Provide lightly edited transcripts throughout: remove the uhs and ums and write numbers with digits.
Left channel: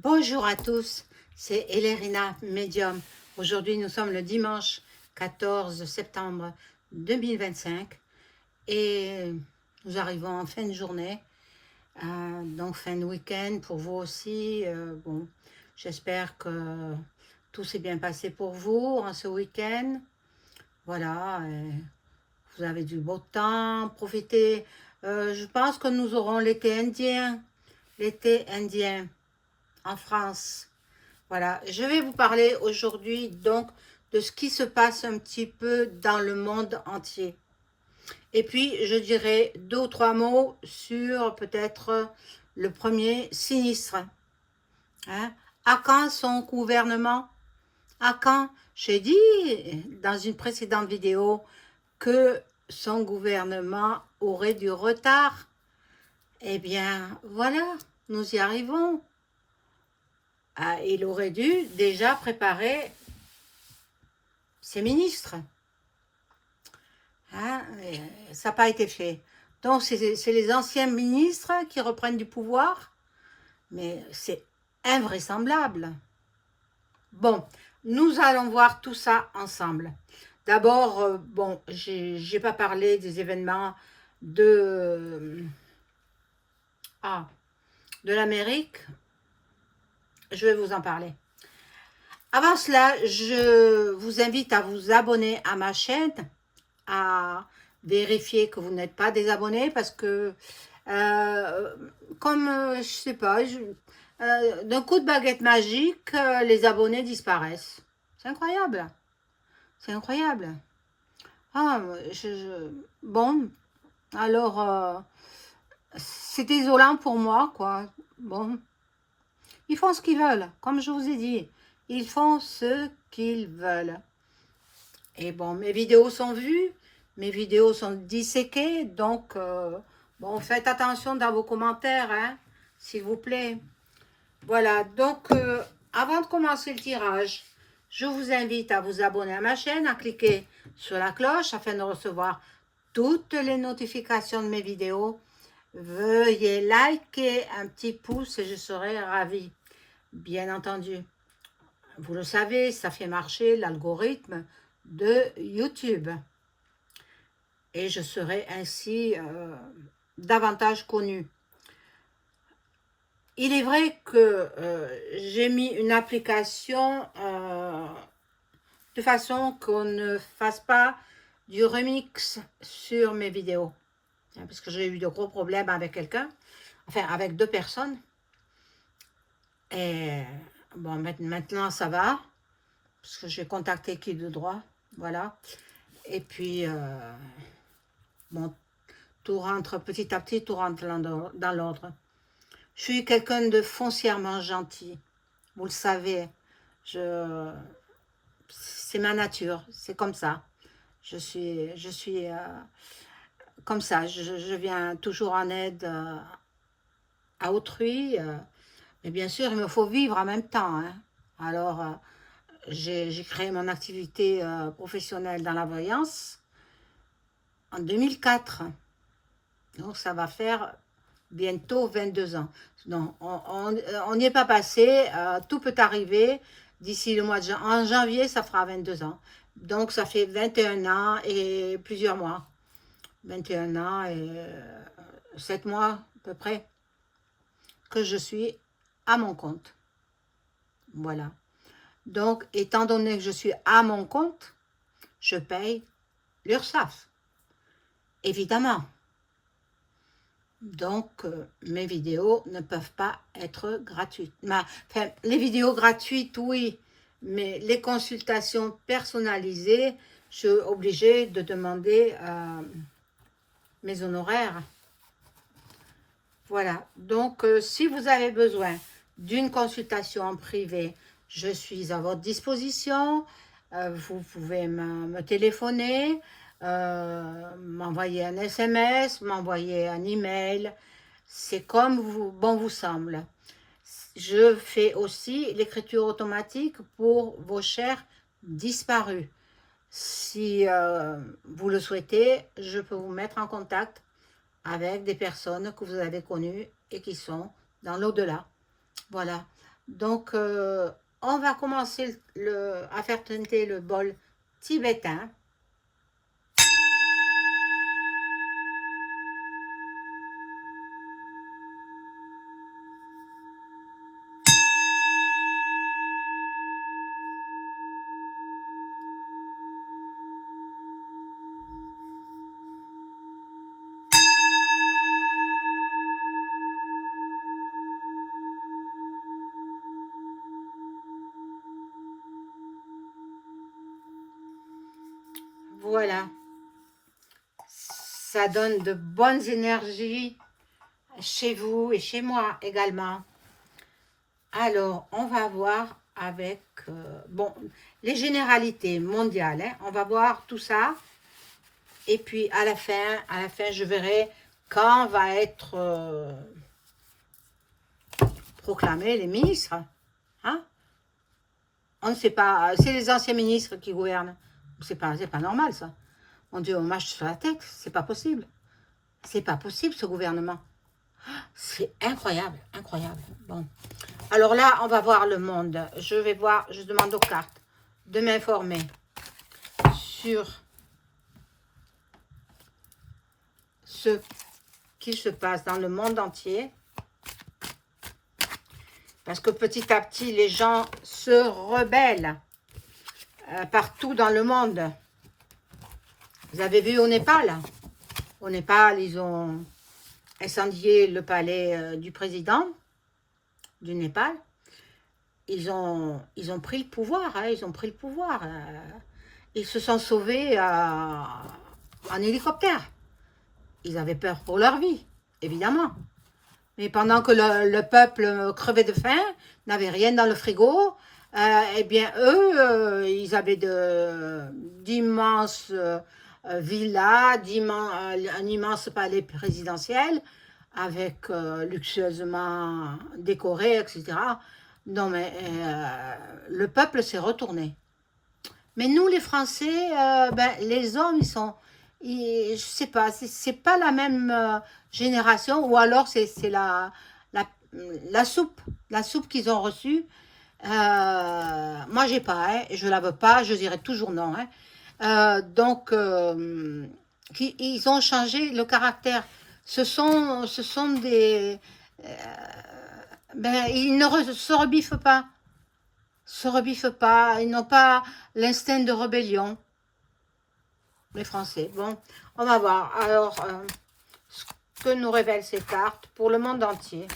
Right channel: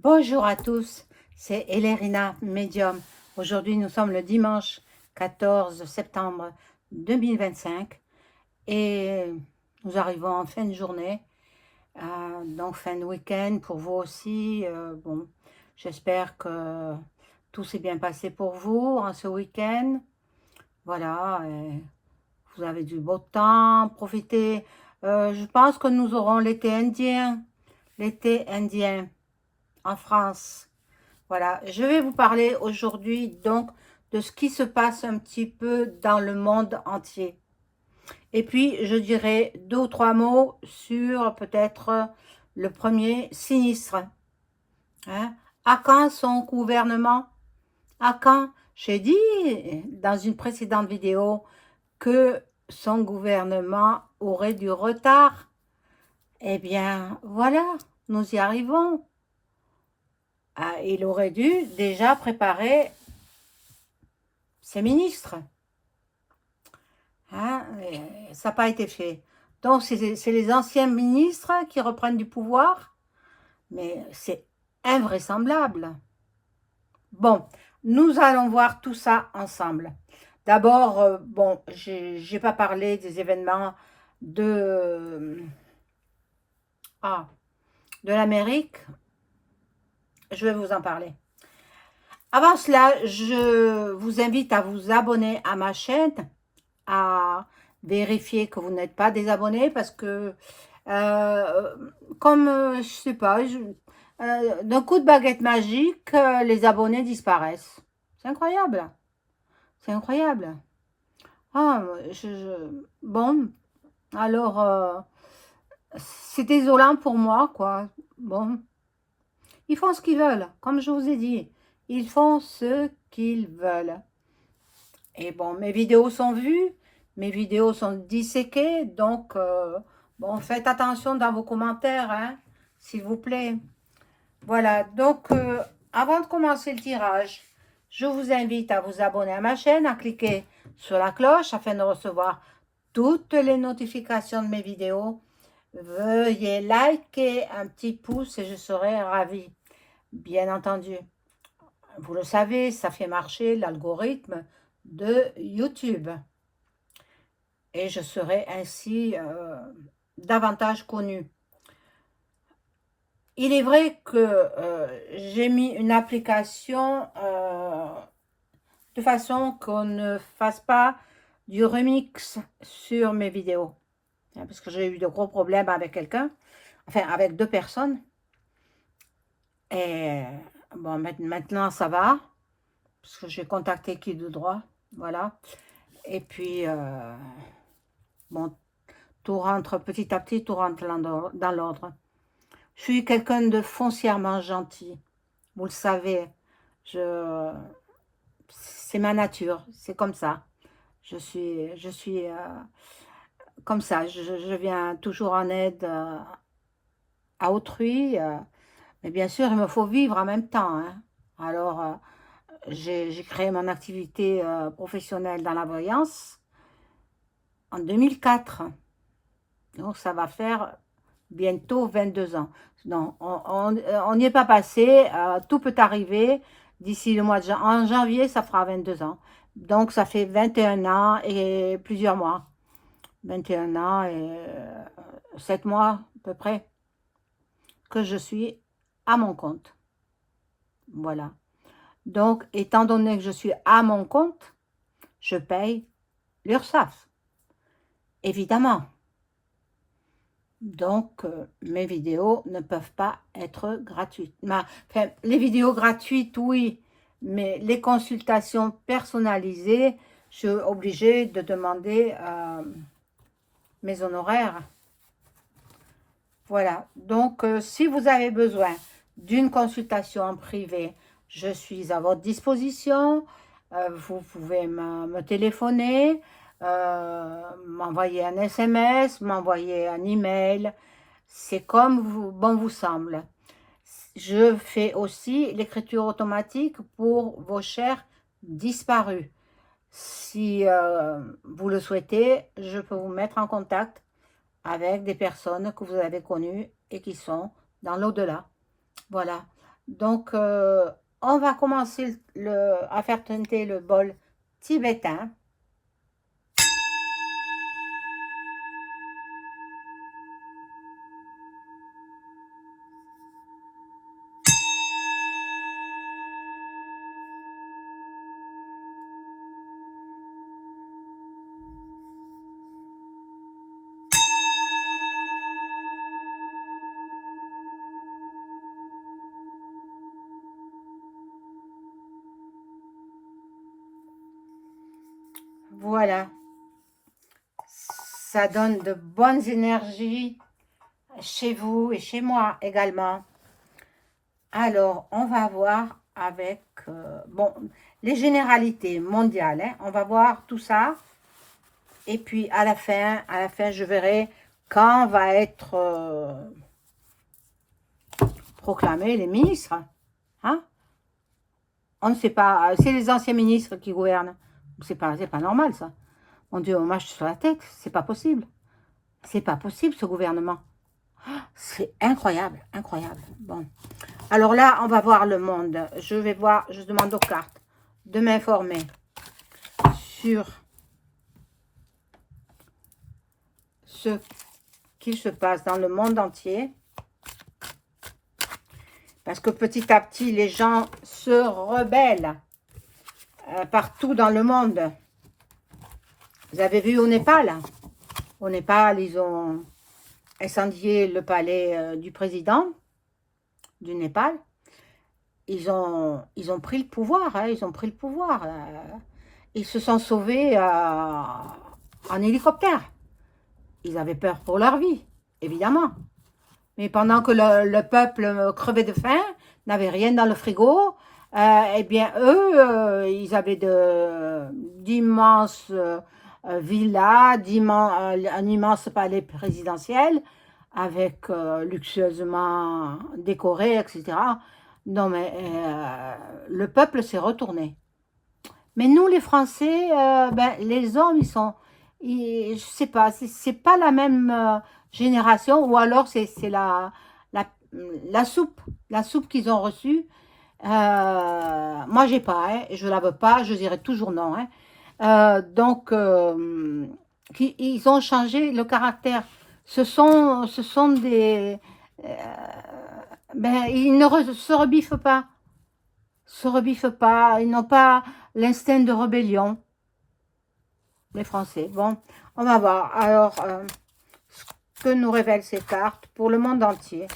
Bonjour à tous, c'est Elérina Medium. Aujourd'hui, nous sommes le dimanche 14 septembre 2025 et nous arrivons en fin de journée, donc fin de week-end pour vous aussi. Bon, j'espère que tout s'est bien passé pour vous en ce week-end. Voilà, vous avez du beau temps, profitez. Je pense que nous aurons l'été indien en France. Voilà, je vais vous parler aujourd'hui donc de ce qui se passe un petit peu dans le monde entier. Et puis, je dirai deux ou trois mots sur peut-être le premier sinistre. Hein. À quand son gouvernement? À quand? J'ai dit dans une précédente vidéo que son gouvernement aurait du retard. Eh bien, voilà, nous y arrivons. Ah, il aurait dû déjà préparer ses ministres. Hein, ça n'a pas été fait. Donc, c'est les anciens ministres qui reprennent du pouvoir, mais c'est invraisemblable. Bon, nous allons voir tout ça ensemble. D'abord, bon, j'ai pas parlé des événements de, de l'Amérique. Je vais vous en parler. Avant cela, je vous invite à vous abonner à ma chaîne, à vérifier que vous n'êtes pas des abonnés parce que, euh, comme, je sais pas, d'un coup de baguette magique, les abonnés disparaissent. C'est incroyable. C'est incroyable. Ah, bon, alors, c'est désolant pour moi, quoi. Bon, ils font ce qu'ils veulent, comme je vous ai dit. Ils font ce qu'ils veulent. Et bon, mes vidéos sont vues, mes vidéos sont disséquées, donc, bon, faites attention dans vos commentaires, hein, s'il vous plaît. Voilà, donc, avant de commencer le tirage, je vous invite à vous abonner à ma chaîne, à cliquer sur la cloche afin de recevoir toutes les notifications de mes vidéos. Veuillez liker un petit pouce et je serai ravie, bien entendu. Vous le savez, ça fait marcher l'algorithme de YouTube. Et je serai ainsi davantage connue. Il est vrai que j'ai mis une application de façon qu'on ne fasse pas du remix sur mes vidéos. Parce que j'ai eu de gros problèmes avec quelqu'un, enfin avec deux personnes. Et bon, maintenant ça va, parce que j'ai contacté qui de droit, voilà. Et puis, bon, tout rentre petit à petit, tout rentre dans l'ordre. Je suis quelqu'un de foncièrement gentil, vous le savez. C'est ma nature, c'est comme ça. Je suis comme ça. Je viens toujours en aide à autrui. Mais bien sûr, il me faut vivre en même temps. Hein. Alors, j'ai créé mon activité professionnelle dans la voyance en 2004. Donc, ça va faire bientôt 22 ans. Non, on n'y est pas passé. Tout peut arriver. D'ici le mois de en janvier, ça fera 22 ans. Donc, ça fait 21 ans et plusieurs mois. 21 ans et 7 mois à peu près que je suis à mon compte. Voilà. Donc, étant donné que je suis à mon compte, je paye l'URSSAF. Évidemment. Donc, mes vidéos ne peuvent pas être gratuites. Enfin, les vidéos gratuites, oui, mais les consultations personnalisées, je suis obligée de demander mes honoraires. Voilà. Donc, si vous avez besoin d'une consultation en privé, je suis à votre disposition. Vous pouvez me téléphoner, m'envoyer un SMS, m'envoyer un email. C'est comme bon vous semble. Je fais aussi l'écriture automatique pour vos chers disparus. Si vous le souhaitez, je peux vous mettre en contact avec des personnes que vous avez connues et qui sont dans l'au-delà. Voilà. Donc, on va commencer à faire teinter le bol tibétain. Voilà, ça donne de bonnes énergies chez vous et chez moi également. Alors, on va voir avec, bon, les généralités mondiales, hein. On va voir tout ça. Et puis, à la fin, je verrai quand va être proclamé les ministres. Hein? On ne sait pas, c'est les anciens ministres qui gouvernent. C'est pas normal, ça. Mon Dieu, on marche sur la tête, c'est pas possible. C'est pas possible, ce gouvernement. C'est incroyable, incroyable. Bon. Alors là, on va voir le monde. Je vais voir, je demande aux cartes de m'informer sur ce qu'il se passe dans le monde entier. Parce que petit à petit, les gens se rebellent partout dans le monde. Vous avez vu au Népal? Au Népal, ils ont incendié le palais du président du Népal. Ils ont pris le pouvoir, hein, ils ont pris le pouvoir. Ils se sont sauvés en hélicoptère. Ils avaient peur pour leur vie, évidemment. Mais pendant que le peuple crevait de faim, n'avait rien dans le frigo, eh bien, eux, ils avaient d'immenses villas, un immense palais présidentiel, avec luxueusement décoré, etc. Non, mais le peuple s'est retourné. Mais nous, les Français, ben, les hommes, je sais pas, c'est pas la même génération, ou alors c'est la, la soupe qu'ils ont reçue. Moi, j'ai pas, hein, je la veux pas, je dirais toujours non. Hein. Donc, ils ont changé le caractère. Ce sont des, euh, ben, ils ne se rebiffent pas, ils n'ont pas l'instinct de rébellion. Les Français. Bon, on va voir. Alors, ce que nous révèlent ces cartes pour le monde entier.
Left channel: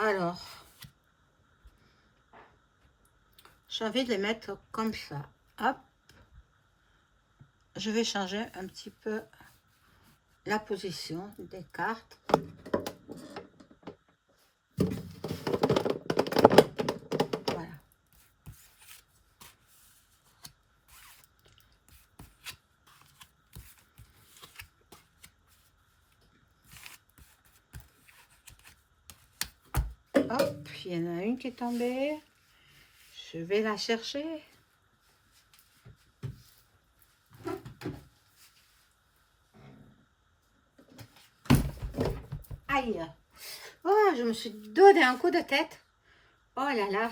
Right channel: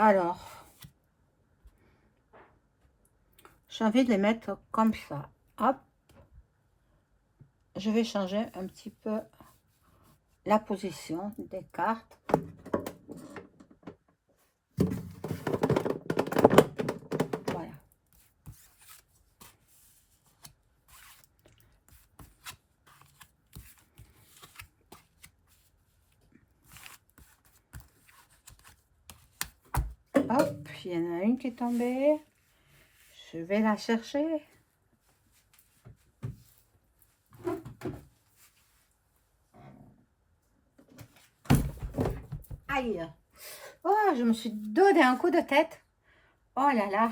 Alors, j'ai envie de les mettre comme ça. Hop. Je vais changer un petit peu la position des cartes. Voilà. Hop, il y en a une qui est tombée. Je vais la chercher. Aïe. Oh, je me suis donné un coup de tête. Oh là là.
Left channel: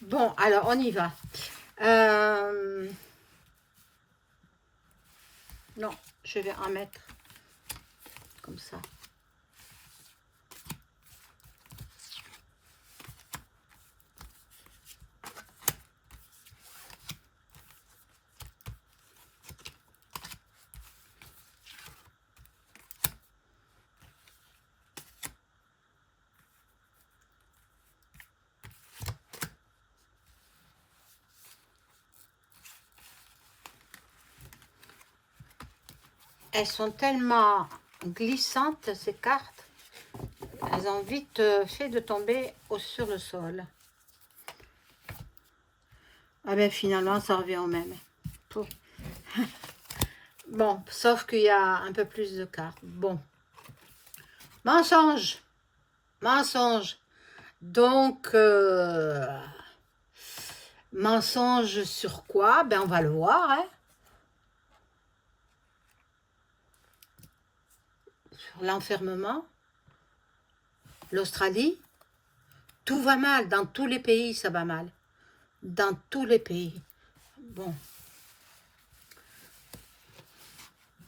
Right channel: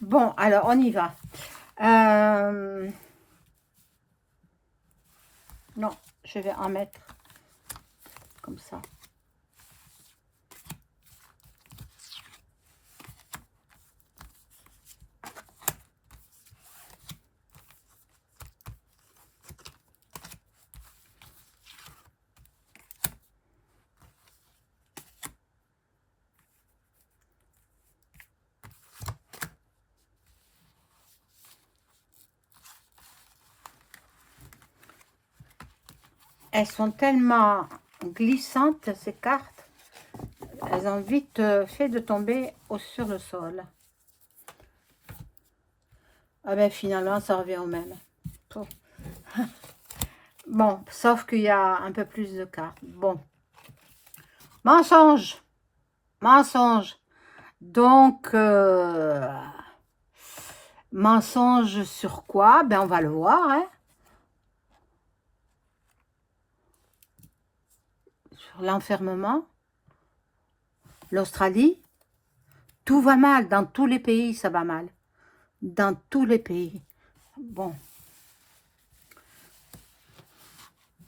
Bon, alors, on y va. Non, je vais en mettre comme ça. Elles sont tellement glissantes, ces cartes. Elles ont vite fait de tomber sur le sol. Ah ben finalement, ça revient au même. Bon, sauf qu'il y a un peu plus de cartes. Bon, mensonge, mensonge. Donc, mensonge sur quoi? Ben, on va le voir, hein. Sur l'enfermement, l'Australie, tout va mal. Dans tous les pays, ça va mal. Dans tous les pays. Bon.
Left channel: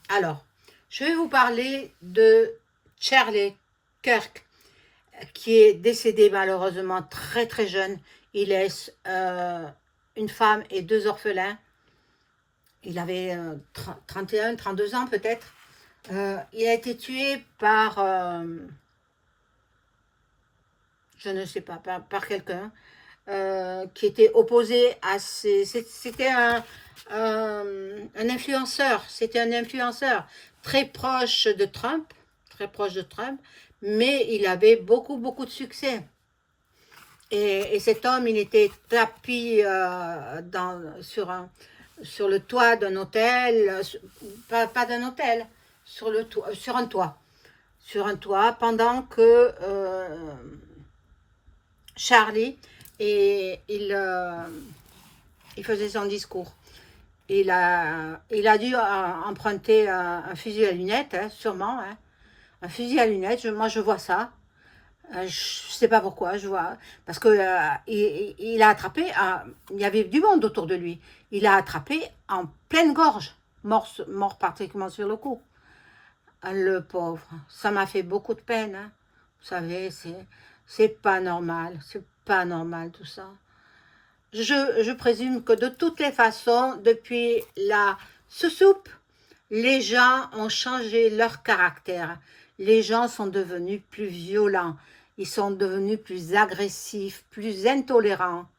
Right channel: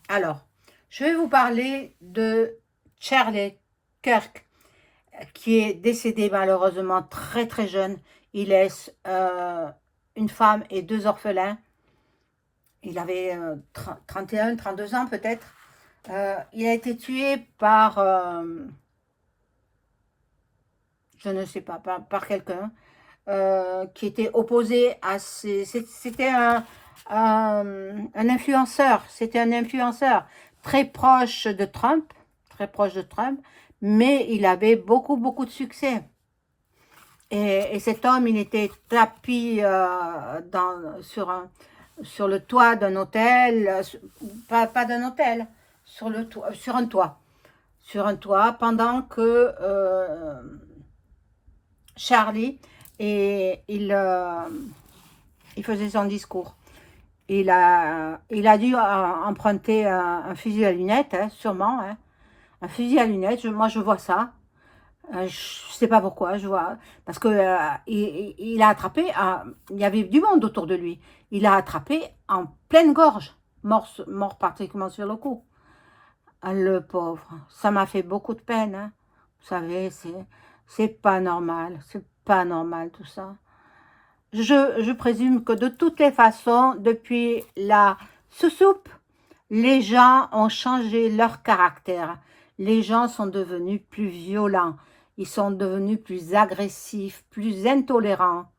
Alors, je vais vous parler de Charlie Kirk, qui est décédé malheureusement très très jeune. Il laisse une femme et 2 orphelins. Il avait 31, 32 ans peut-être. Il a été tué par, je ne sais pas, par quelqu'un qui était opposé à ses... C'était un influenceur, c'était un influenceur très proche de Trump, mais il avait beaucoup, beaucoup de succès. Et cet homme, il était tapi sur le toit d'un hôtel, pas d'un hôtel, sur un toit, pendant que Charlie, il faisait son discours. Il a dû emprunter un fusil à lunettes, hein, sûrement, hein. Un fusil à lunettes, moi je vois ça. Je ne sais pas pourquoi, je vois. Parce que il a attrapé, il y avait du monde autour de lui. Il a attrapé en pleine gorge, mort pratiquement sur le coup. Le pauvre, ça m'a fait beaucoup de peine, hein. Vous savez, c'est pas normal, c'est pas normal tout ça. Je présume que de toutes les façons, depuis la soupe, les gens ont changé leur caractère. Les gens sont devenus plus violents. Ils sont devenus plus agressifs, plus intolérants.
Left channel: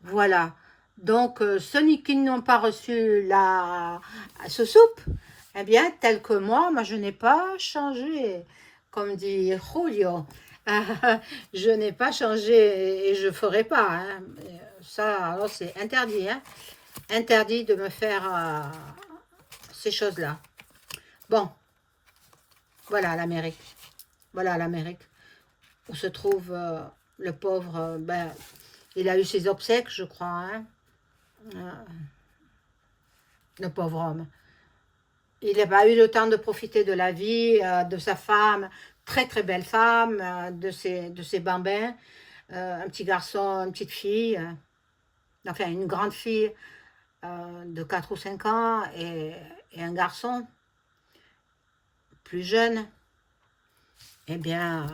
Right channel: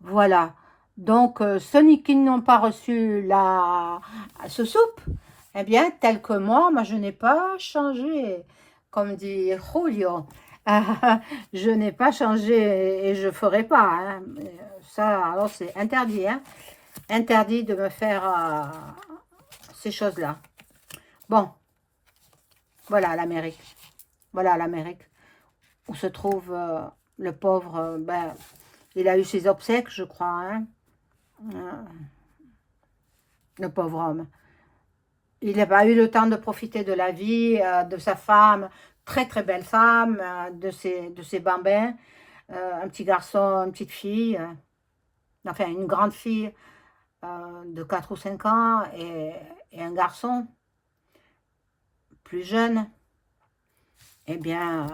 Voilà. Donc, ceux qui n'ont pas reçu la soupe, eh bien, tel que moi je n'ai pas changé. Comme dit Julio, je n'ai pas changé et je ne ferai pas, hein. Ça, alors c'est interdit, hein. Interdit de me faire ces choses-là. Bon, voilà l'Amérique. Voilà l'Amérique. Où se trouve le pauvre, ben, il a eu ses obsèques, je crois, hein. Le pauvre homme. Il n'a pas eu le temps de profiter de la vie, de sa femme, très très belle femme, de ses bambins, un petit garçon, une petite fille, enfin une grande fille de 4 ou 5 ans et un garçon plus jeune. Eh bien,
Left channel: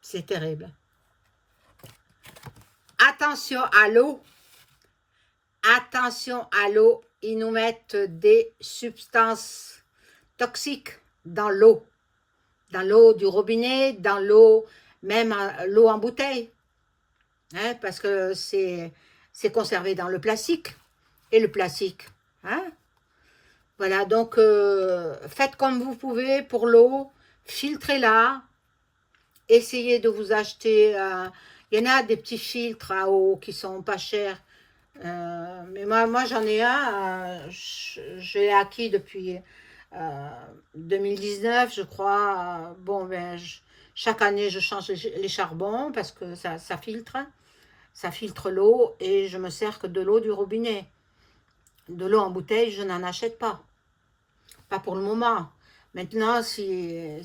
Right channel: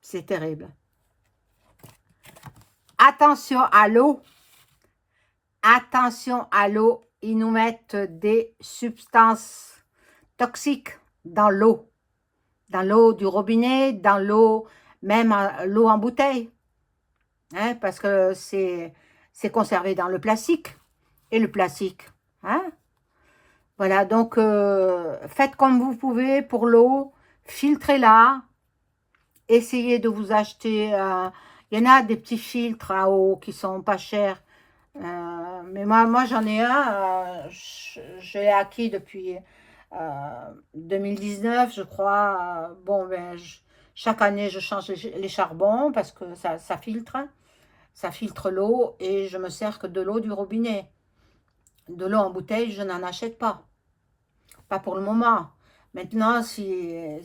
c'est terrible. Attention à l'eau. Attention à l'eau. Ils nous mettent des substances toxiques dans l'eau. Dans l'eau du robinet, dans l'eau, même l'eau en bouteille. Hein, parce que c'est conservé dans le plastique. Et le plastique, hein? Voilà, donc faites comme vous pouvez pour l'eau. Filtrez-la. Essayez de vous acheter... il y en a des petits filtres à eau qui sont pas chers. Mais moi j'en ai un, je l'ai acquis depuis 2019, je crois. Bon, ben, chaque année, je change les charbons parce que ça filtre l'eau et je me sers que de l'eau du robinet. De l'eau en bouteille, je n'en achète pas. Pas pour le moment. Maintenant, si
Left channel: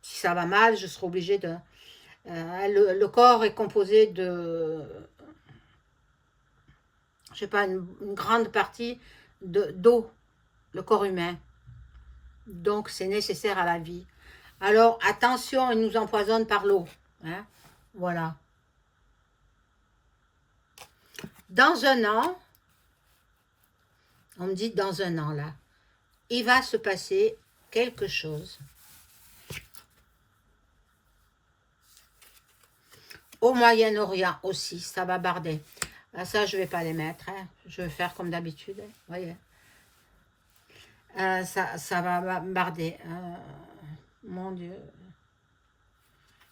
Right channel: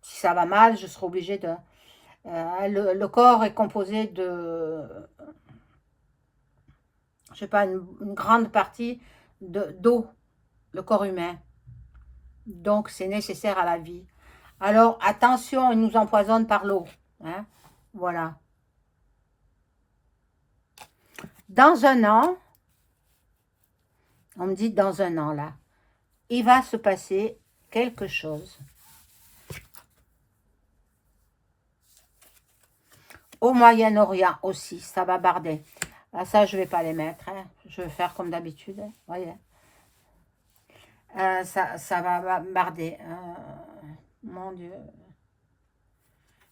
ça va mal, je serai obligée de... le corps est composé de... je sais pas, une grande partie d'eau, le corps humain. Donc, c'est nécessaire à la vie. Alors, attention, il nous empoisonne par l'eau. Hein? Voilà. Dans un an, on me dit dans un an, là, il va se passer quelque chose. Au Moyen-Orient aussi, ça va barder. Ah, ça, je ne vais pas les mettre. Hein. Je vais faire comme d'habitude. Hein. Voyez. Ça va barder. Mon Dieu.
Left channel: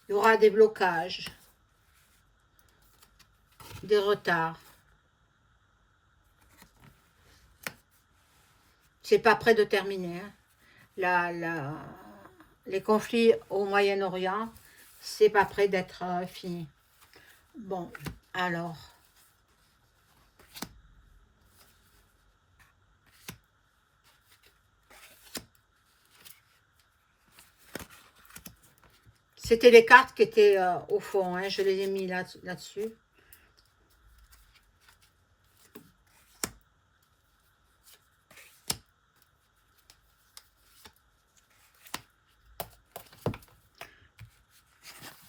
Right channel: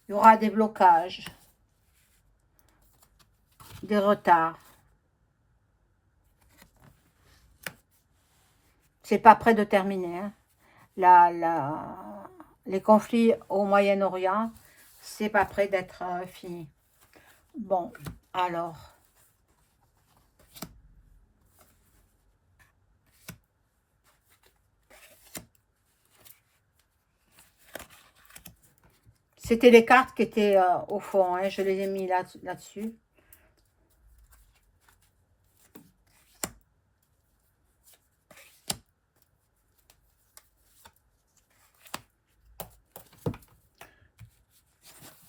Il y aura des blocages. Des retards. C'est pas près de terminer. Hein. Les conflits au Moyen-Orient, c'est pas près d'être fini. Bon, alors. C'était les cartes qui étaient au fond, hein, je les ai mis là-dessus.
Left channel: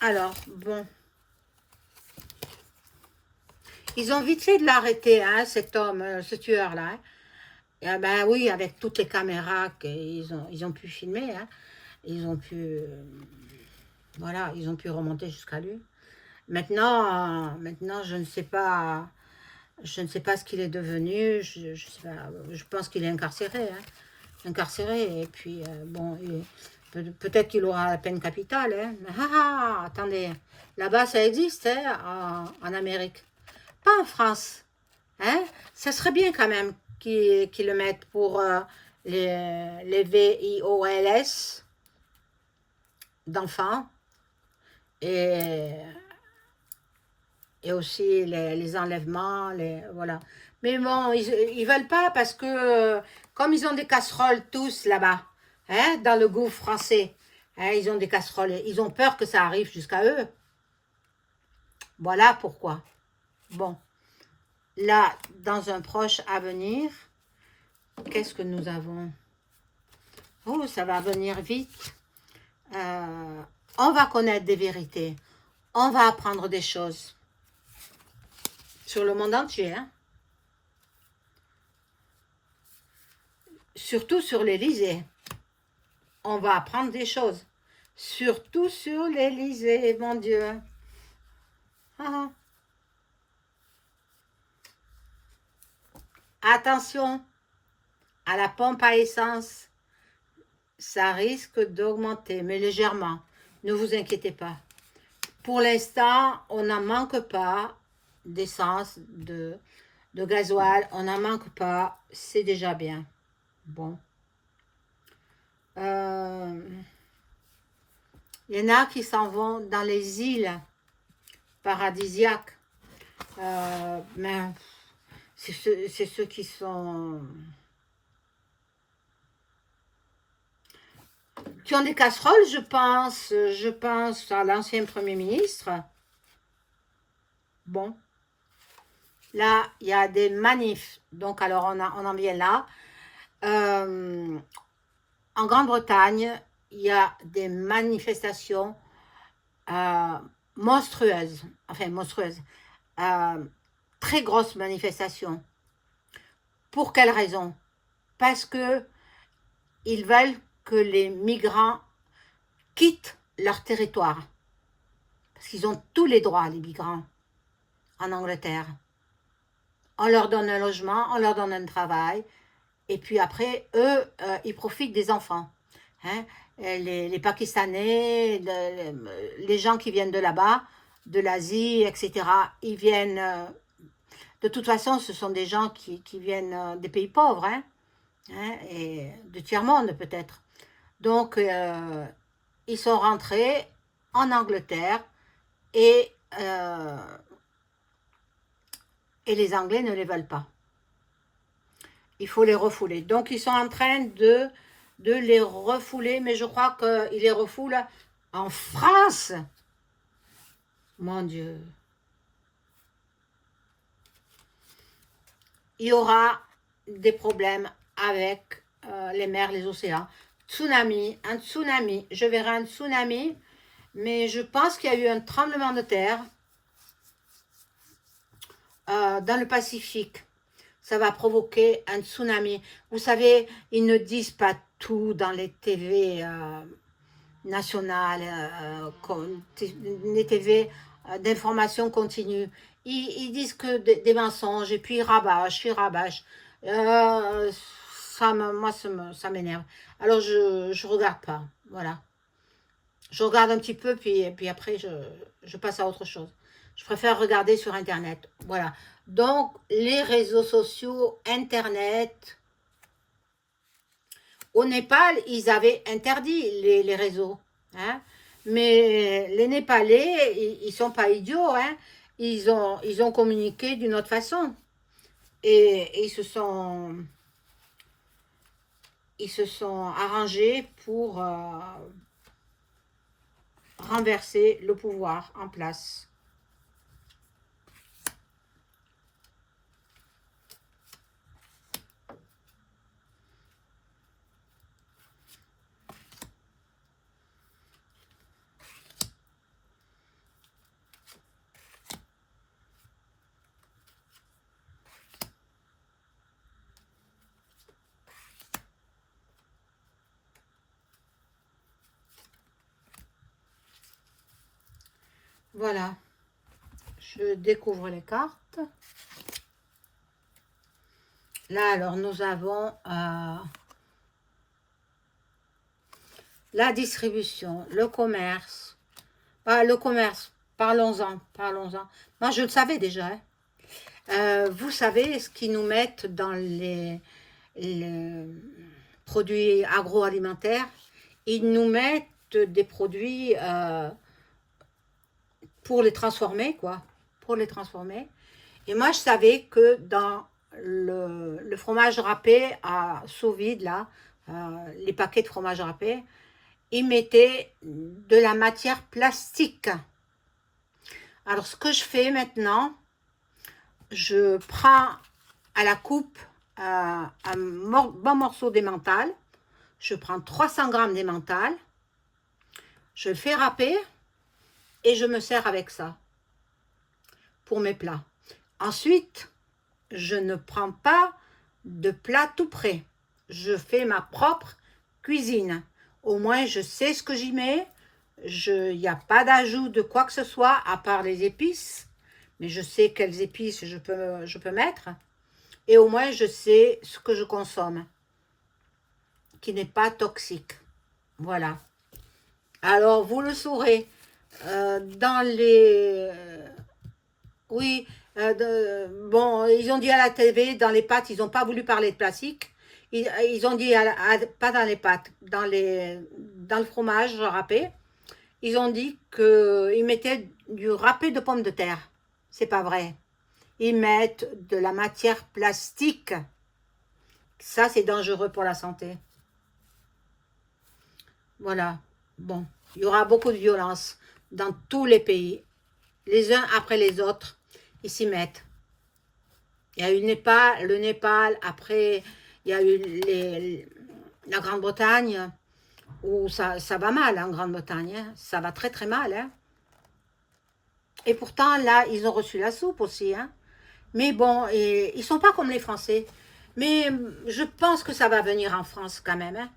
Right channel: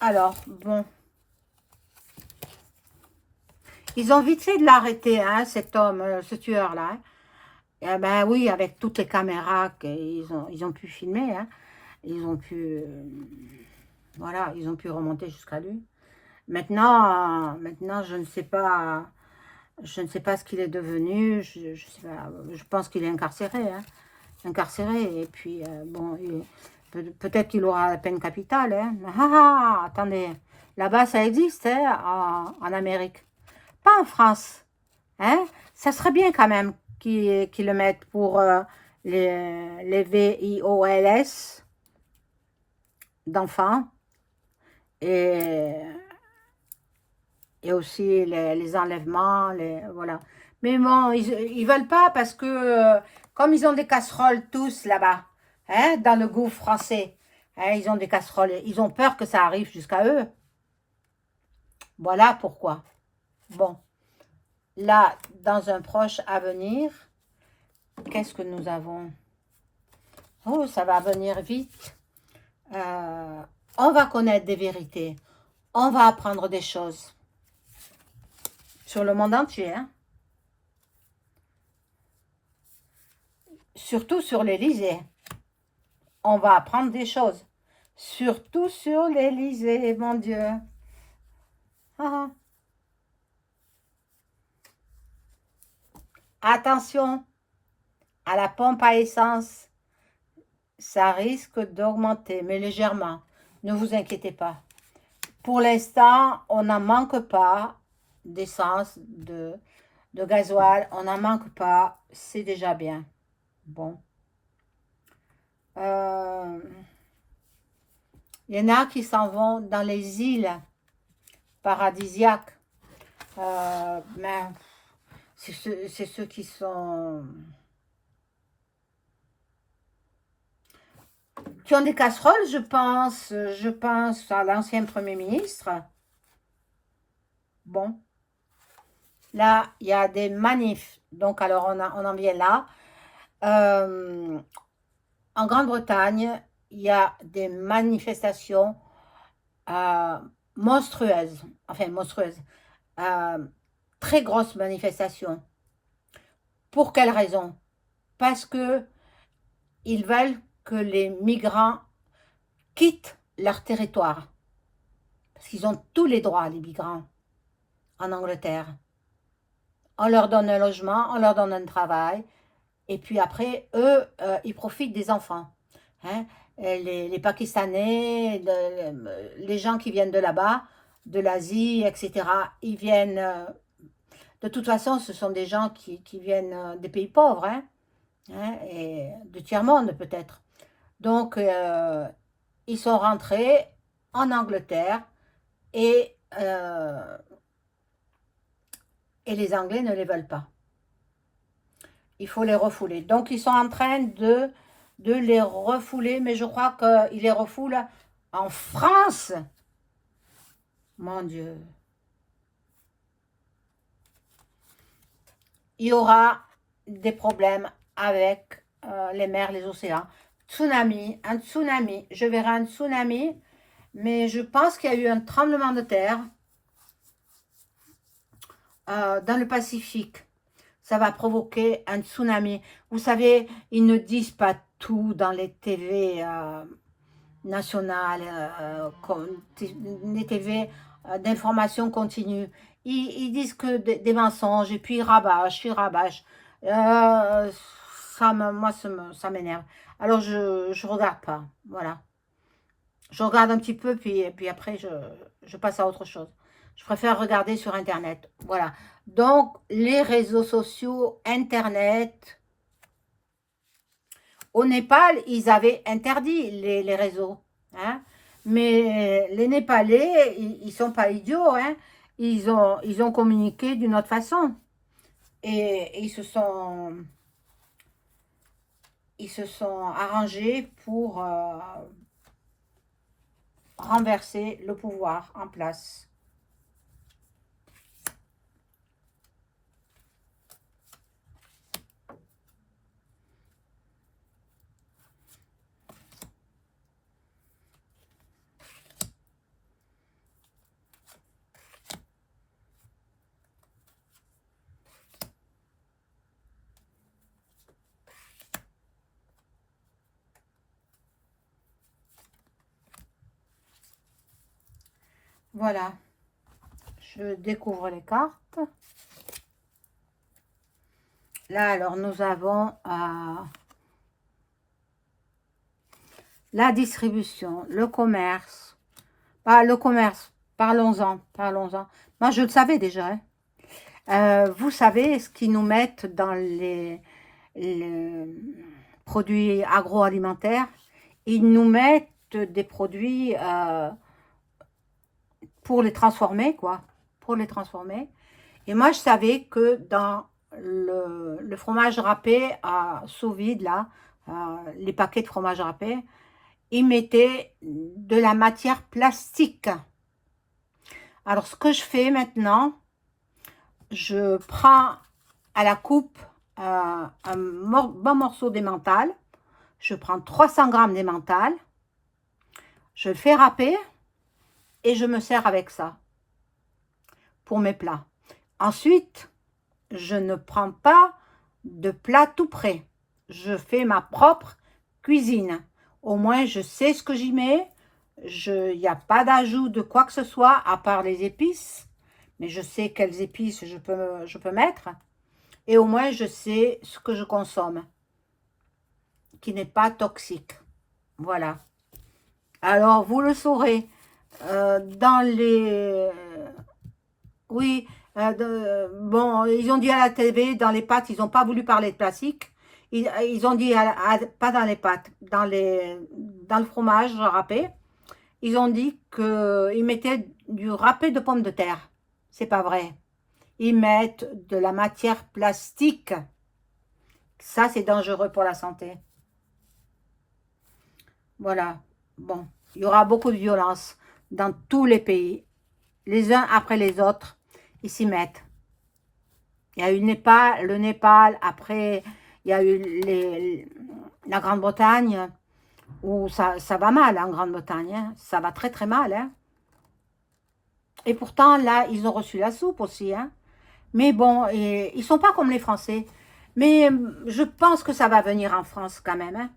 Alors, bon. Ils ont vite fait de l'arrêter, hein, cet homme, ce tueur-là. Hein. Et, ben oui, avec toutes les caméras qu'ils ont pu filmer, hein, ils ont pu, voilà, ils ont pu remonter jusqu'à lui. Maintenant, je ne sais pas ce qu'il est devenu. Je sais pas, je pense qu'il est incarcéré, hein, incarcéré. Et puis bon, peut-être qu'il aura la peine capitale. Hein. Attendez, là-bas ça existe, hein, en Amérique, pas en France. Hein? Ça serait bien quand même qu'ils le mettent pour les VIOLS d'enfants et, et aussi les enlèvements, voilà. Mais bon, ils veulent pas parce que comme ils ont des casseroles tous là-bas, hein, dans le gouffre français, hein, ils ont des casseroles, ils ont peur que ça arrive jusqu'à eux. Voilà pourquoi. Bon, là, dans un proche avenir, qu'est-ce que nous avons? Oh, ça va venir vite. On va connaître des vérités. On va apprendre des choses. Sur le monde entier. Hein. Surtout sur l'Élysée. On va apprendre des choses. Surtout sur l'Élysée, mon Dieu. Ah. Attention à la pompe à essence. Ça risque d'augmenter, mais légèrement. Ne vous inquiétez pas. Pour l'instant, on n'en manque pas d'essence, de gasoil. On n'en manque pas. C'est déjà bien. Bon. Il y en a qui s'en vont dans les îles paradisiaques. Mais c'est ceux qui sont... qui ont des casseroles, je pense. Je pense à l'ancien Premier ministre. Bon. Là, il y a des manifs. Donc, alors, on en vient là. En Grande-Bretagne, il y a des manifestations monstrueuses. Enfin, monstrueuses. Très grosses manifestations. Pour quelle raison? Parce que ils veulent que les migrants quittent leur territoire. Parce qu'ils ont tous les droits, les migrants, en Angleterre. On leur donne un logement, on leur donne un travail, et puis après, eux, ils profitent des enfants. Hein? Les Pakistanais, les gens qui viennent de là-bas, de l'Asie, etc., ils viennent... de toute façon, ce sont des gens qui viennent des pays pauvres, hein? Hein, et de tiers-monde peut-être. Donc, ils sont rentrés en Angleterre et les Anglais ne les veulent pas. Il faut les refouler. Donc, ils sont en train de les refouler, mais je crois qu'ils les refoulent en France. Mon Dieu. Il y aura des problèmes avec les mers, les océans. Tsunami, un tsunami. Je verrai un tsunami, mais je pense qu'il y a eu un tremblement de terre dans le Pacifique. Ça va provoquer un tsunami. Vous savez, ils ne disent pas tout dans les TV nationales, les TV d'information continue. Ils disent que des mensonges et puis ils rabâchent. Moi, ça m'énerve. Alors, je regarde pas. Voilà. Je regarde un petit peu, puis après, je passe à autre chose. Je préfère regarder sur Internet. Voilà. Donc, les réseaux sociaux, Internet, Au Népal, ils avaient interdit les réseaux. Hein. Mais les Népalais, ils ne sont pas idiots. Hein. Ils ont communiqué d'une autre façon. Et ils se sont arrangés pour renverser le pouvoir en place. Voilà, je découvre les cartes. Là, alors, nous avons la distribution, le commerce. Ah, le commerce, parlons-en, parlons-en. Moi, je le savais déjà. Hein. Vous savez ce qu'ils nous mettent dans les produits agroalimentaires? Ils nous mettent des produits pour les transformer, quoi. Pour les transformer. Et moi, je savais que dans le fromage râpé à sous vide, là, les paquets de fromage râpé, ils mettaient de la matière plastique. Alors, ce que je fais maintenant, je prends à la coupe un bon morceau d'emmental. Je prends 300 grammes d'emmental. Je le fais râper et je me sers avec ça pour mes plats. Ensuite, je ne prends pas de plat tout prêt. Je fais ma propre cuisine. Au moins, je sais ce que j'y mets. Il n'y a pas d'ajout de quoi que ce soit, à part les épices. Mais je sais quelles épices je peux mettre. Et au moins, je sais ce que je consomme, qui n'est pas toxique. Voilà. Alors, vous le saurez. Dans les... Oui, bon, ils ont dit à la TV, dans les pâtes, ils n'ont pas voulu parler de plastique. Ils ont dit, pas dans les pâtes, dans le fromage râpé, ils ont dit qu'ils mettaient du râpé de pommes de terre. C'est pas vrai. Ils mettent de la matière plastique. Ça, c'est dangereux pour la santé. Voilà. Bon, il y aura beaucoup de violence dans tous les pays. Les uns après les autres, ils s'y mettent. Il y a eu le Népal, après il y a eu la Grande-Bretagne, où ça va mal en Grande-Bretagne, hein. Ça va très très mal. Hein. Et pourtant, là, ils ont reçu la soupe aussi. Hein. Mais bon, ils ne sont pas comme les Français. Mais je pense que ça va venir en France quand même. Hein.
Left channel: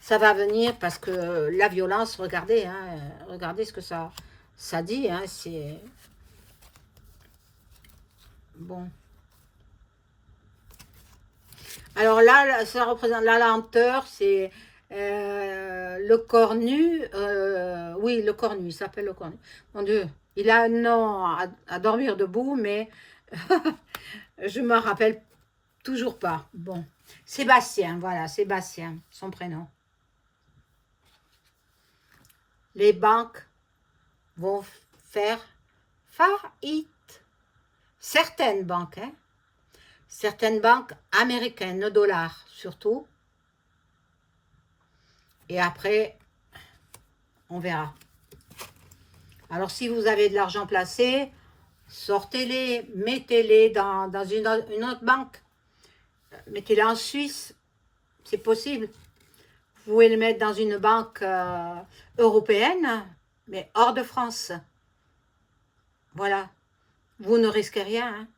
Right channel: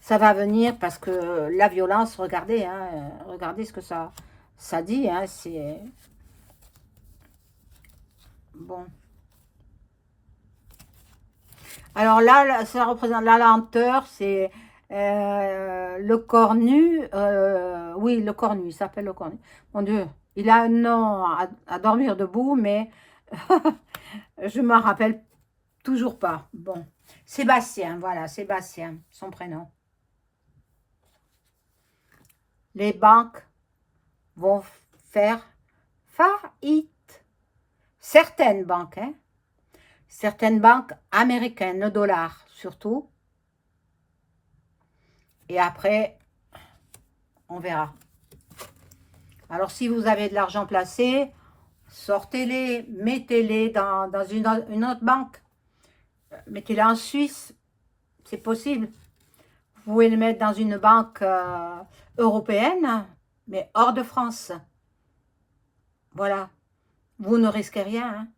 Ça va venir parce que la violence, regardez, hein, regardez ce que ça dit. Hein, c'est bon. Alors là, ça représente la lenteur, c'est le cornu. Oui, le cornu, il s'appelle le cornu. Mon Dieu, il a un nom à dormir debout, mais je ne m'en rappelle toujours pas. Bon, Sébastien, voilà, Sébastien, son prénom. Les banques vont faire faillite. Certaines banques, hein. Certaines banques américaines, le dollar surtout. Et après, on verra. Alors, si vous avez de l'argent placé, sortez-les, mettez-les dans une autre banque. Mettez-les en Suisse, c'est possible. Vous pouvez les mettre dans une banque européenne, mais hors de France. Voilà. Vous ne risquez rien. Hein.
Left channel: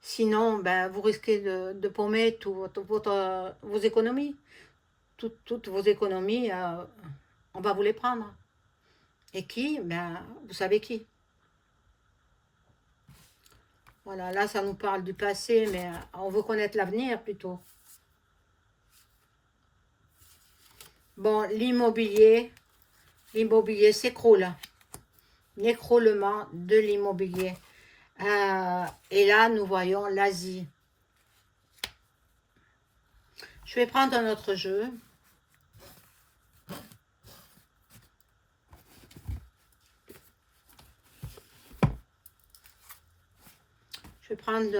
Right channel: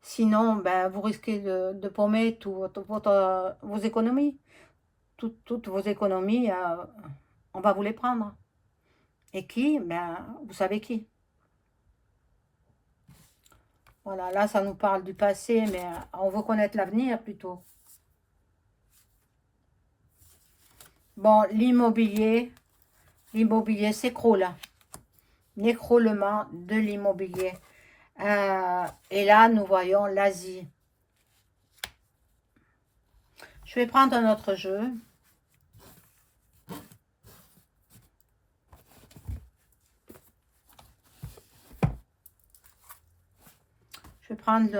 Sinon, ben, vous risquez de paumer toutes vos économies. Toutes vos économies, on va vous les prendre. Et qui? Ben, vous savez qui. Voilà, là, ça nous parle du passé, mais on veut connaître l'avenir plutôt. Bon, l'immobilier s'écroule. L'écroulement de l'immobilier. Et là, nous voyons l'Asie. Je vais prendre un autre jeu. prendre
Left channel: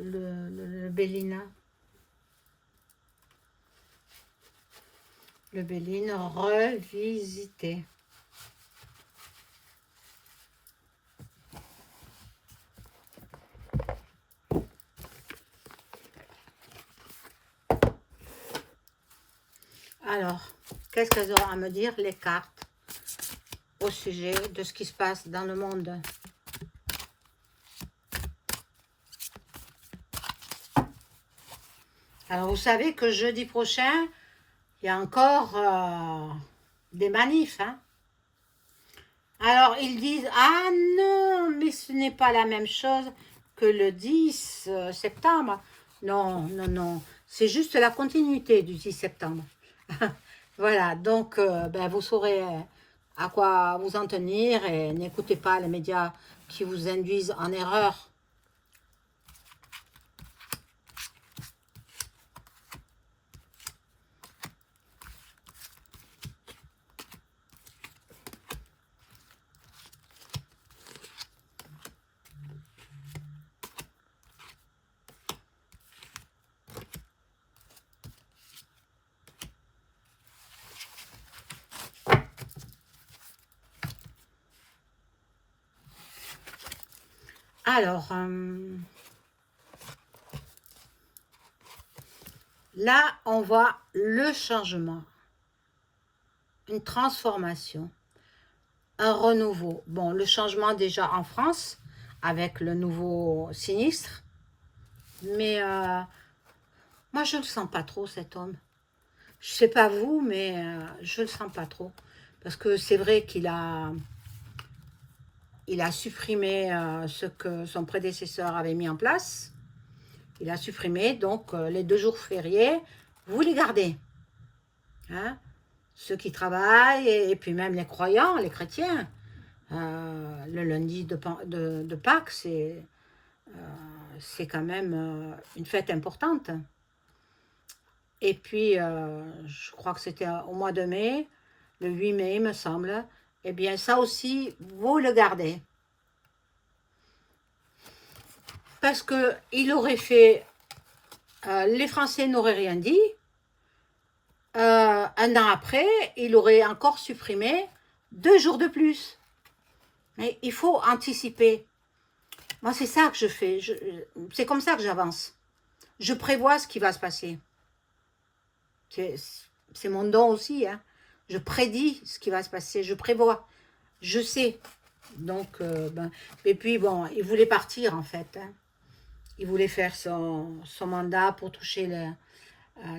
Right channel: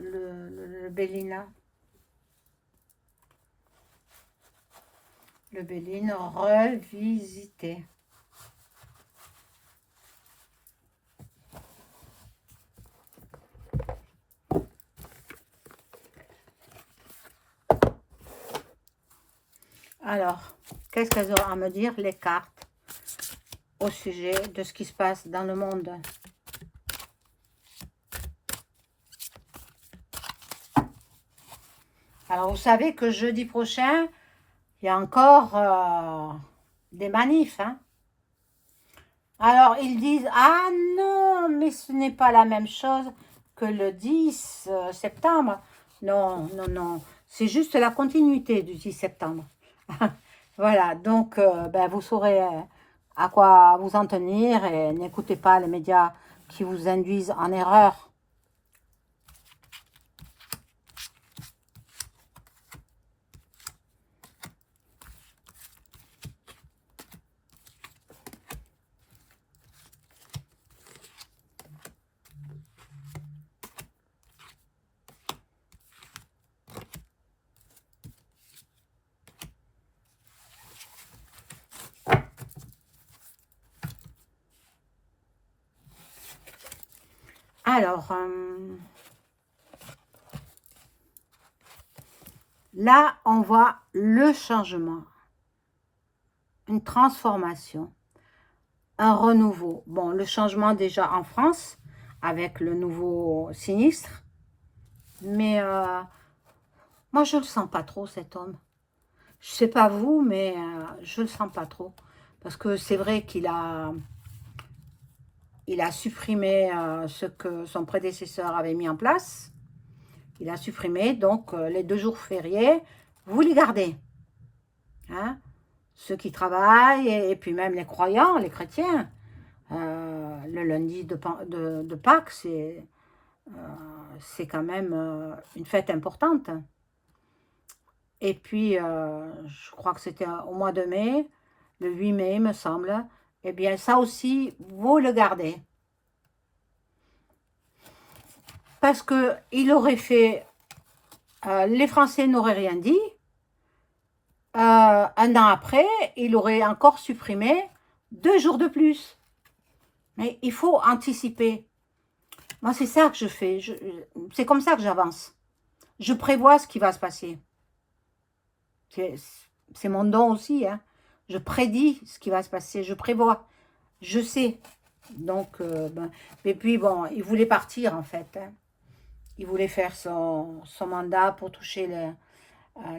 le Bélina. Le Béline revisité. Alors, qu'est-ce qu'elles auront à me dire, les cartes, au sujet de ce qui se passe dans le monde? Alors, vous savez que jeudi prochain, il y a encore des manifs. Hein. Alors, ils disent, ah non, mais ce n'est pas la même chose que le 10 septembre. Non, non, non. C'est juste la continuité du 10 septembre. Voilà, donc ben, vous saurez à quoi vous en tenir et n'écoutez pas les médias qui vous induisent en erreur. Alors, là, on voit le changement, une transformation, un renouveau. Bon, le changement déjà en France, avec le nouveau sinistre, mais moi, je ne le sens pas trop, cet homme. Je ne sais pas vous, mais je ne le sens pas trop. Parce que c'est vrai il a supprimé ce que son prédécesseur avait mis en place. Il a supprimé, donc les 2 jours fériés, vous les gardez. Hein? Ceux qui travaillent, et puis même les croyants, les chrétiens. Le lundi de Pâques, c'est quand même une fête importante. Et puis, je crois que c'était au mois de mai, le 8 mai, il me semble. Eh bien, ça aussi, vous le gardez. Parce qu'il aurait fait... les Français n'auraient rien dit. Un an après, il aurait encore supprimé 2 jours de plus. Mais il faut anticiper. Moi, c'est ça que je fais. C'est comme ça que j'avance. Je prévois ce qui va se passer. C'est mon don aussi. Hein. Je prédis ce qui va se passer. Je prévois. Je sais. Donc, et puis, bon, il voulait partir, en fait. Hein. Il voulait faire son mandat pour toucher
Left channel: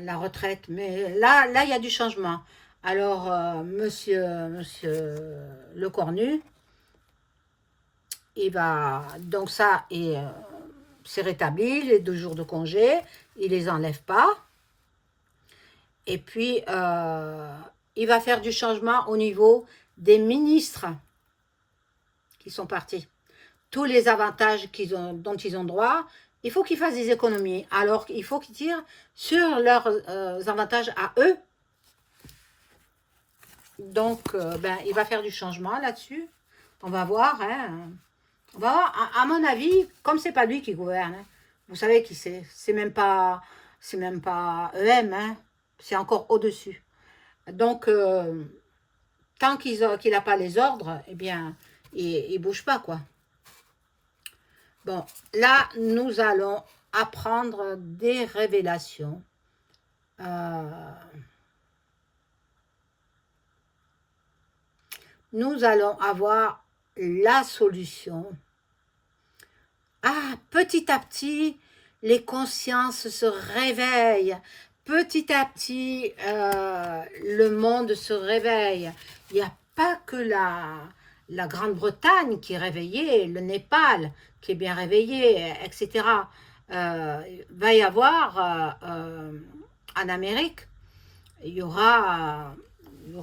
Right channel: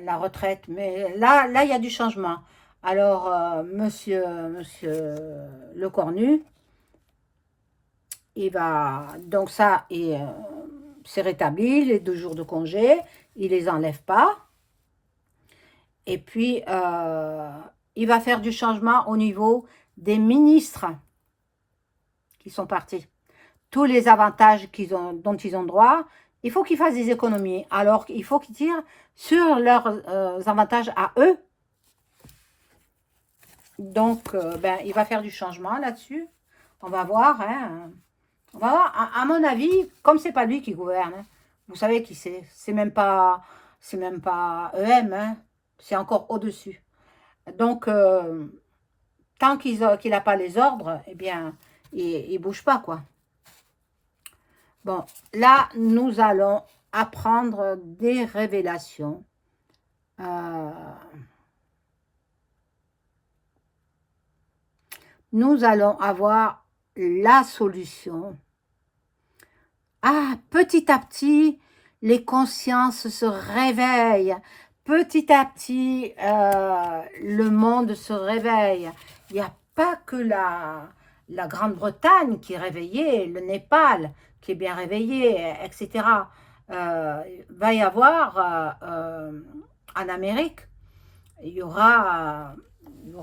la retraite. Mais là, il y a du changement. Alors, monsieur Le Cornu, il va... Donc ça, c'est rétabli, les 2 jours de congé. Il les enlève pas. Et puis, il va faire du changement au niveau des ministres qui sont partis. Tous les avantages dont ils ont droit, il faut qu'ils fassent des économies. Alors, il faut qu'ils tirent sur leurs avantages à eux. Donc, il va faire du changement là-dessus. On va voir. Hein. On va voir. À mon avis, comme c'est pas lui qui gouverne, hein, vous savez qui c'est. C'est même pas EM. Hein, c'est encore au-dessus. Donc, tant qu'il n'a pas les ordres, eh bien, il ne bouge pas, quoi. Bon, là, nous allons apprendre des révélations. Nous allons avoir la solution. Ah, petit à petit, les consciences se réveillent. Petit à petit, le monde se réveille. Il n'y a pas que la Grande-Bretagne qui est réveillée, le Népal qui est bien réveillé, etc. Va y avoir en Amérique, il y aura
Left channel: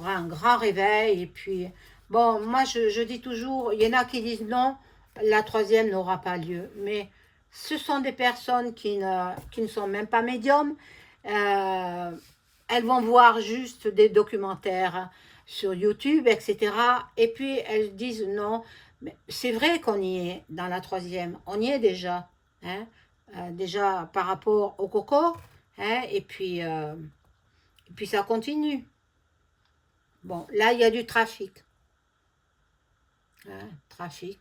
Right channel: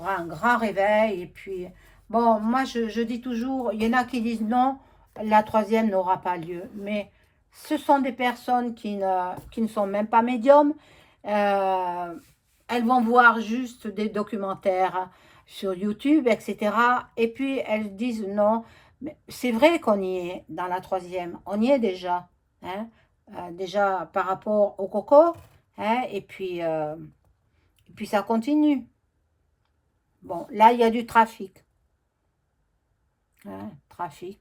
un grand réveil. Et puis, bon, moi je dis toujours, il y en a qui disent non, la 3e n'aura pas lieu. Mais ce sont des personnes qui ne sont même pas médiums. Elles vont voir juste des documentaires sur YouTube, etc. Et puis elles disent non, mais c'est vrai qu'on y est dans la 3e, on y est déjà. hein, déjà par rapport au coco, hein, et puis ça continue. Bon, là, il y a du trafic. Hein, trafic.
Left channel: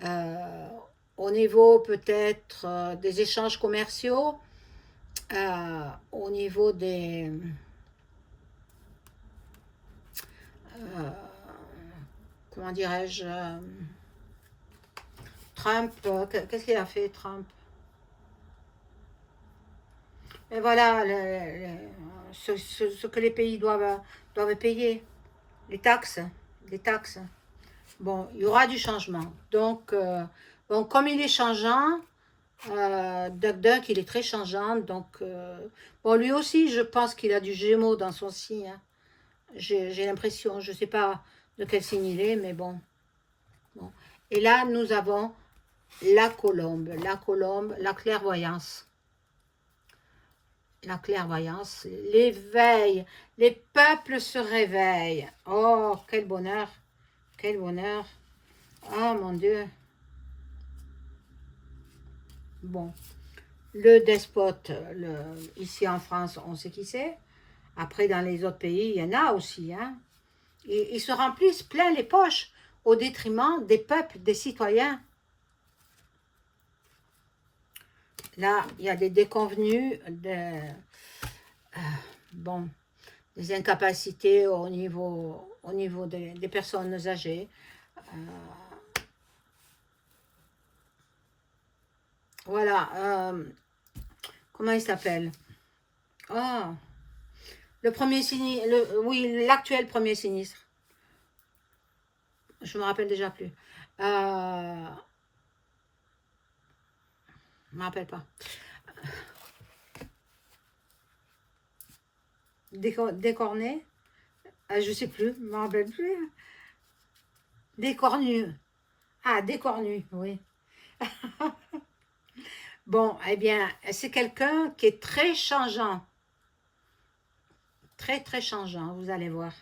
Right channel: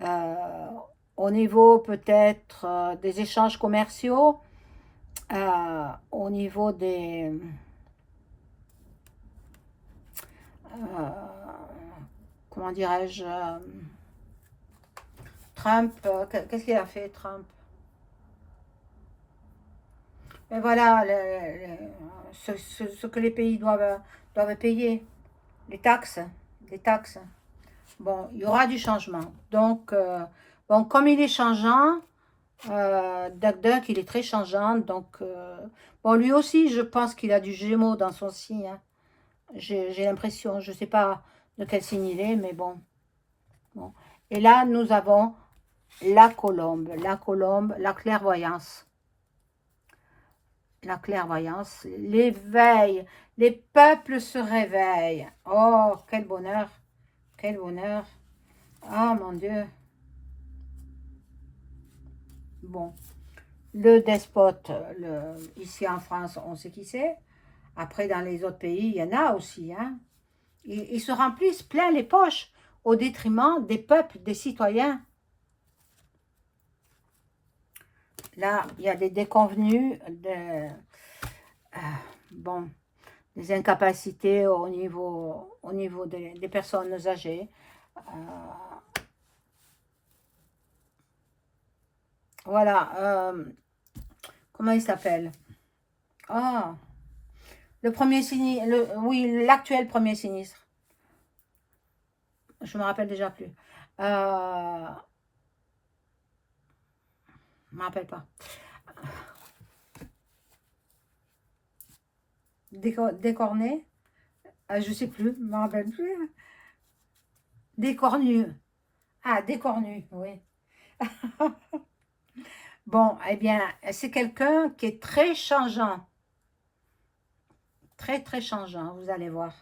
Euh, Au niveau peut-être des échanges commerciaux, au niveau des... euh, comment dirais-je, Trump, qu'est-ce qu'il a fait Trump? Et voilà ce que les pays doivent payer, les taxes, les taxes. Bon, il y aura du changement. Donc, bon, comme il est changeant, Duck Duck, il est très changeant. Donc, bon, lui aussi, je pense qu'il a du Gémeaux dans son signe, hein. J'ai l'impression, je ne sais pas de quel signe il est, mais bon. Bon. Et là, nous avons la colombe, la clairvoyance. La clairvoyance, l'éveil, les peuples se réveillent. Oh, quel bonheur, quel bonheur. Oh mon Dieu. Bon, le despote, ici en France, on sait qui c'est. Après, dans les autres pays, il y en a aussi, hein. Ils se remplissent plein les poches au détriment des peuples, des citoyens. Là, il y a des déconvenus, bon, des incapacités au niveau des personnes âgées. Voilà, comment il s'appelle? Ah, le premier sinistre, oui, l'actuel premier sinistre. Je me rappelle déjà plus. Je me rappelle pas. Décorné? Je sais plus, je me rappelle plus. Décornu. Ah, décornu, oui. Bon, eh bien, c'est quelqu'un qui est très changeant. Très, très changeant, vous allez voir.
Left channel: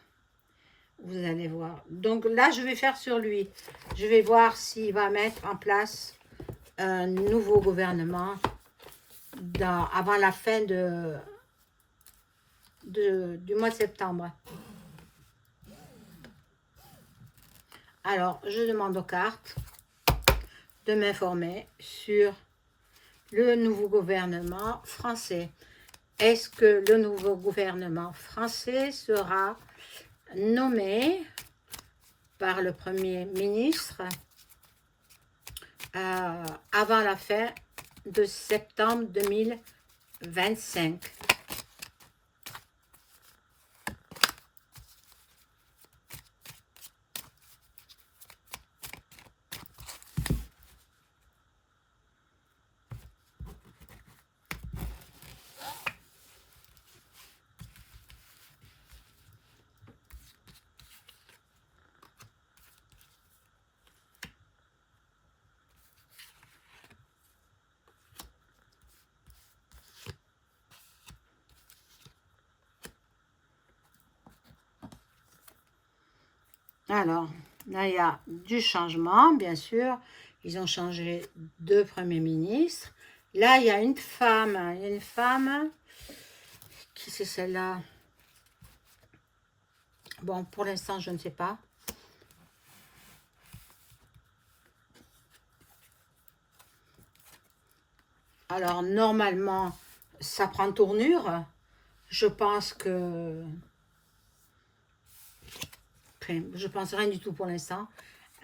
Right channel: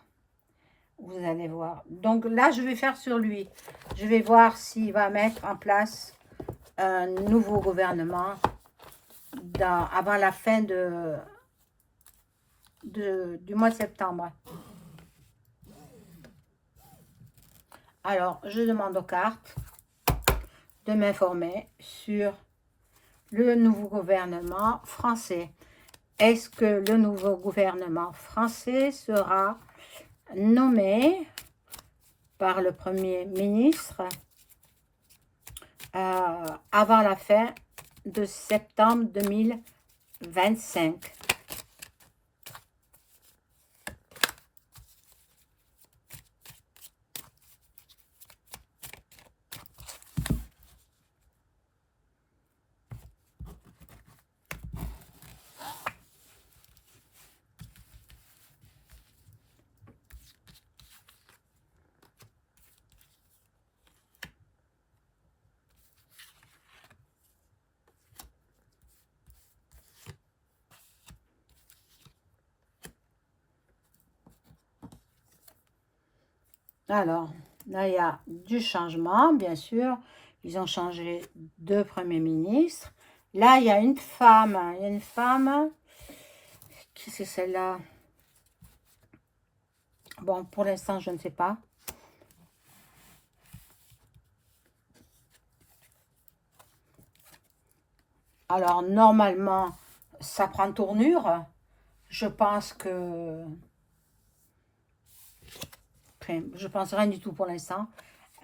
Vous allez voir. Donc là, je vais faire sur lui. Je vais voir s'il va mettre en place un nouveau gouvernement avant la fin du mois de septembre. Alors, je demande aux cartes de m'informer sur le nouveau gouvernement français. Est-ce que le nouveau gouvernement français sera nommé par le Premier ministre avant la fin de septembre 2025? Alors, là, il y a du changement, bien sûr. Ils ont changé de Premier ministre. Là, il y a une femme. Il y a une femme. Qui c'est celle-là? Bon, pour l'instant, je ne sais pas. Alors, normalement, ça prend tournure. Je pense que... Enfin, je pense rien du tout pour l'instant.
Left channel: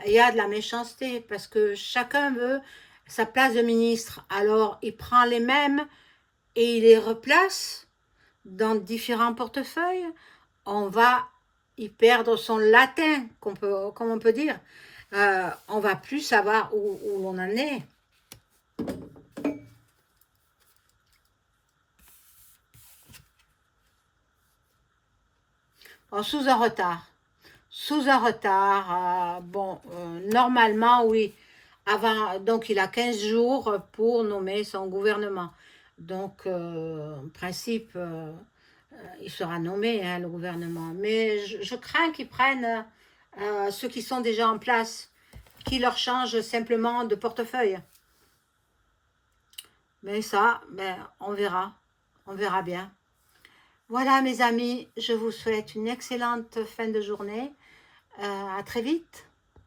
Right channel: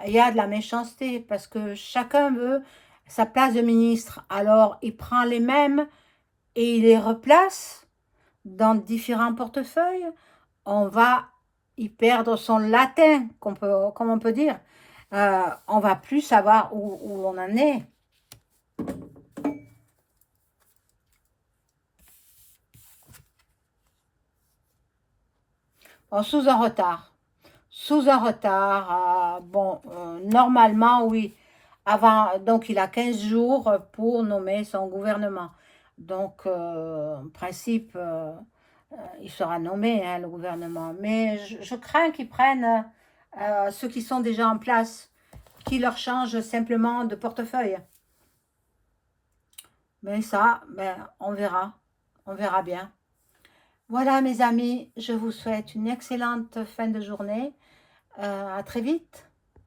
Il y a de la méchanceté parce que chacun veut sa place de ministre. Alors, il prend les mêmes et il les replace dans différents portefeuilles. On va y perdre son latin, comme on peut dire. On va plus savoir où l'on en est. Bon, sous un retard. Sous un retard. Bon, normalement, oui. Avant, donc, il a 15 jours pour nommer son gouvernement. Donc, en principe, il sera nommé, hein, le gouvernement. Mais je crains qu'ils prennent ceux qui sont déjà en place, qui leur changent simplement de portefeuille. Mais ça, ben, on verra bien. Voilà mes amis, je vous souhaite une excellente fin de journée. À très vite.